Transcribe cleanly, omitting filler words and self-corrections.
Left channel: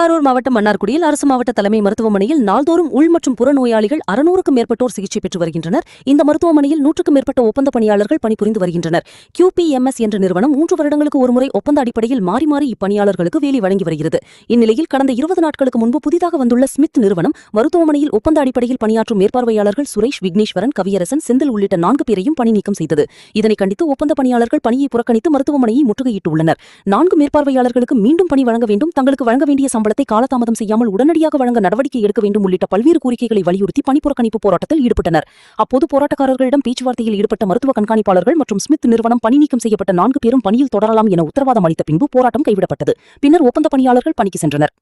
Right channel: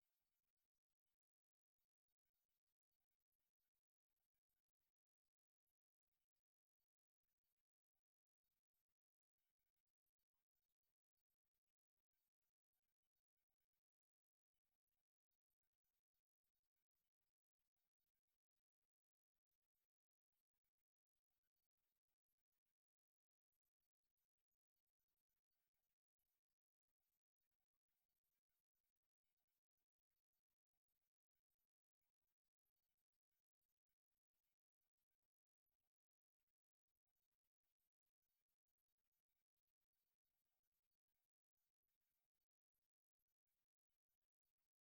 திருவாரூர் மாவட்டம் மன்னார்குடியில் அரசு மாவட்ட தலைமை மருத்துவமனையில் நாள்தோறும் உள் மற்றும் புற நோயாளிகள் 600க்கும் மேற்பட்டோர் சிகிச்சை பெற்று வருகின்றனர். இந்த மருத்துவமனையில் 100க்கும் மேற்பட்ட ஒப்பந்த பணியாளர்கள் பணிபுரிந்து வருகின்றனர். QPMS என்ற நிறுவனம் 3 வருடங்களுக்கு ஒருமுறை ஒப்பந்த அடிப்படையில் மாறி மாறி இப்பணியாளர்களுக்கு வேலை வழங்கி வருகிறது. இந்நிலையில் கடந்த 20 நாட்களுக்கு முன்பு புதிதாக வந்துள்ள ஸ்மித் நிறுவனம் மருத்துவமனையில் ஒப்பந்த அடிப்படையில் பணியாற்றும் மேற்பார்வையாளர்கள் சுரேஷ், விக்னேஸ்வரன், கவியரசன், செந்தில் உள்ளிட்ட 4 பேரையும் பணி நீக்கம் செய்தது. இதனை கண்டித்து ஒப்பந்த பணியாளர்கள் பணியை புறக்கணித்து மருத்துவமனையை முற்றுகையிட்டுள்ளனர். 4 மேற்பார்வையாளர்களுக்கு மீண்டும் பணி வழங்க வேண்டும், தங்களுக்கு வழங்க வேண்டிய சம்பளத்தை காலதாமதம் செய்யாமல் உடனடியாக வழங்க நடவடிக்கை எடுக்க வேண்டும் உள்ளிட்ட பல்வேறு கோரிக்கைகளை வலியுறுத்தி பணிப்புறக்கணிப்பு போராட்டத்தில் ஈடுபட்டனர். அப்போது போராட்டக்காரர்களிடம் பேச்சுவார்த்தையில் ஈடுபட்ட மருத்துவ கண்காணிப்பாளர்கள் மற்றும் ஸ்மித் நிறுவனம் பணி நீக்கம் செய்யப்பட்ட 4 பேரும் பணியில் தொடரலாம் என உத்தரவாதம் அளித்த பின்பு போராட்டம் கைவிடப்பட்டது. பின்னர் ஒப்பந்த பணியாளர்கள் பணிக்கு சென்றனர்.